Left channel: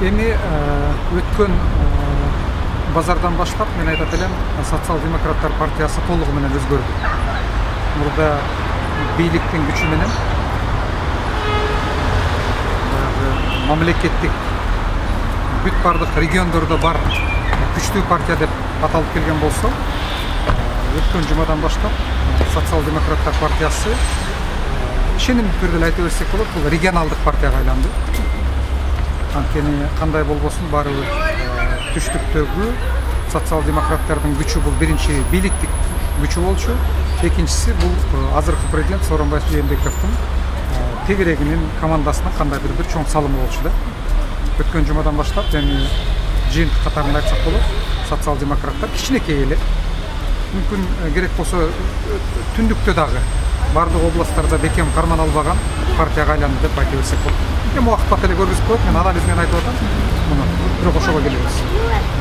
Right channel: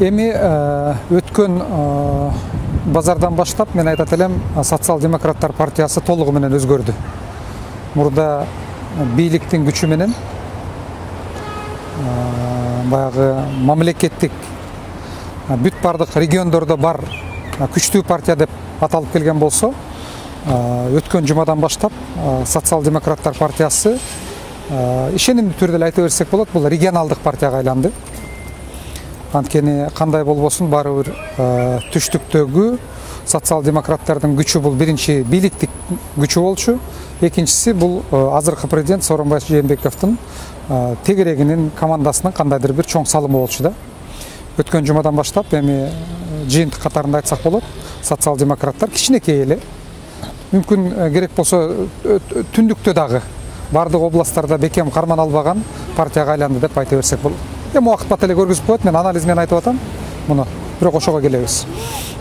Эми өткөн базардан баштап мен айтат элем социал-демократтар партиясы толугу менен өзгөрдү. Мурда бийликтин күчү менен баягы мамлекеттик бүт бардык региондордо бар күчтүү партия деп аталып келген болсо, өткөн жумадан баштап социал-демократтар партиясы ишенимдүү түрдө эле айта берсек болот, бул регионалдык партияга айланды. Анткени кандай болбосун баары бир түштүктөгү социал-демократтардын күчү бул биринчи бийликтик күчү болчу, экинчиси бул азыркы президент Сооронбай Жээнбековдун тегерегинин командасынын кандайдыр бир чоң салымы болчу да. Өткөн жумадан баштап эми жыйынтык катарында айтсак болот, социал-демократтар кичинекей эле, мүмкүн керек болсо түндүктө дагы бардык областтарда бекем карман албаган партияга айланды деп айта берсек болот. Эми убакыт бата эле көргөзүп коет, мен анализ менен айтып атам муну, бирок ошого келебиз.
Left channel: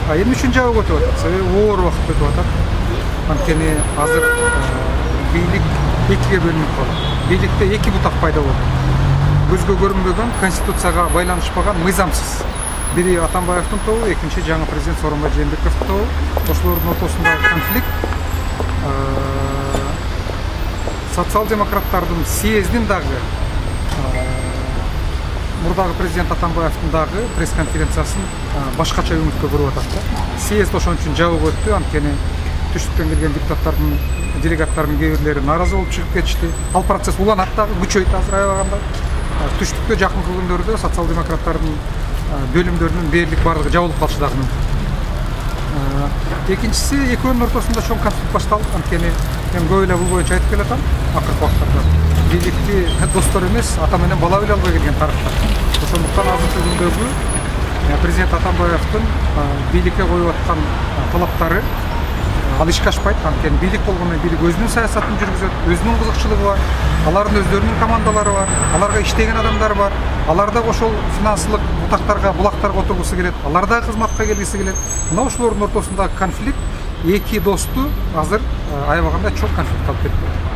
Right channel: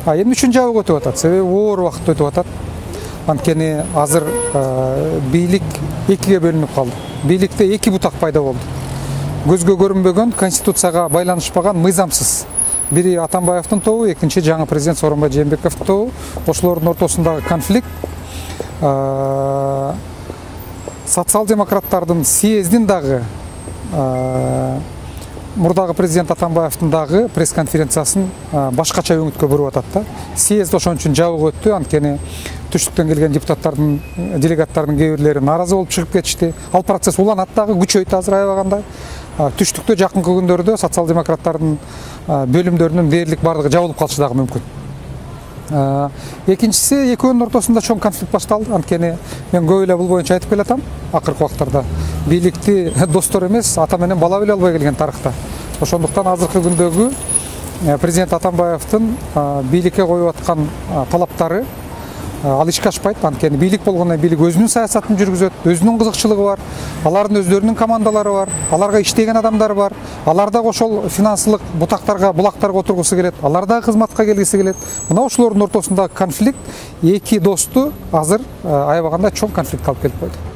Эми үчүнчү жагы өтүп атат, себеби оор убакыт өтүп атат. Анткени азыр бийлик экиге бөлүнүп калды. Бийликте эки бутак пайда болду. Көзгө көрүнбөгөн, конституцияга байланышпаган, мыйзамсыз. Бири Атамбаевдин тобу, экинчи жаңы президент Сооронбай Жээнбековдун тобу. Ошолордун ортосундагы конфликт социал-демократтардын съездин дагы мурдагы президент Атамбаевдин дагы пресс-конференциясын башкача үмүткө буруп атат да. Съезд ошон үчүн жабык өттү, анткени түштүктөн келген депутаттардын, делегаттардын кээ бирлери нааразы болуп чыгып кетишти. Ал процесс уланат дагы, күчөйт азыр аябаганда. Түштүктө жакынкы күндөрдө социал-демократтардын бөлүмдөрүнүн дээрлик бардыгы жабылып калышы дагы мүмкүн. Экинчиси, экөөнүн ортосунда чоң конфликт башталды, анткени мен көп эле бул боюнча айтып келатам акыркы убактарда. Бийликти достор эмес, ата менен бала биле албай келген тарыхта. Ошондуктан азыркы күндөгү президент Атамбаевдин бийликке коюп аткан талаптары ал ишке ашпайт, анткени бийлик болгондон бийлик өзүнүн саясатын жүргүзөт, өзүнүн кызыкчылыгы бар, алардын өздөрүнүн командалары бар, аларга иштеген адамдар бар, алар дагы ошол финансылык бутактарга, булактарга отургусу келет, алар дагы кызматка келгиси келет. Мына ошолордун ортосундагы конфликт эки досту азыр аябаганда чоң конфликтке алып келип койду.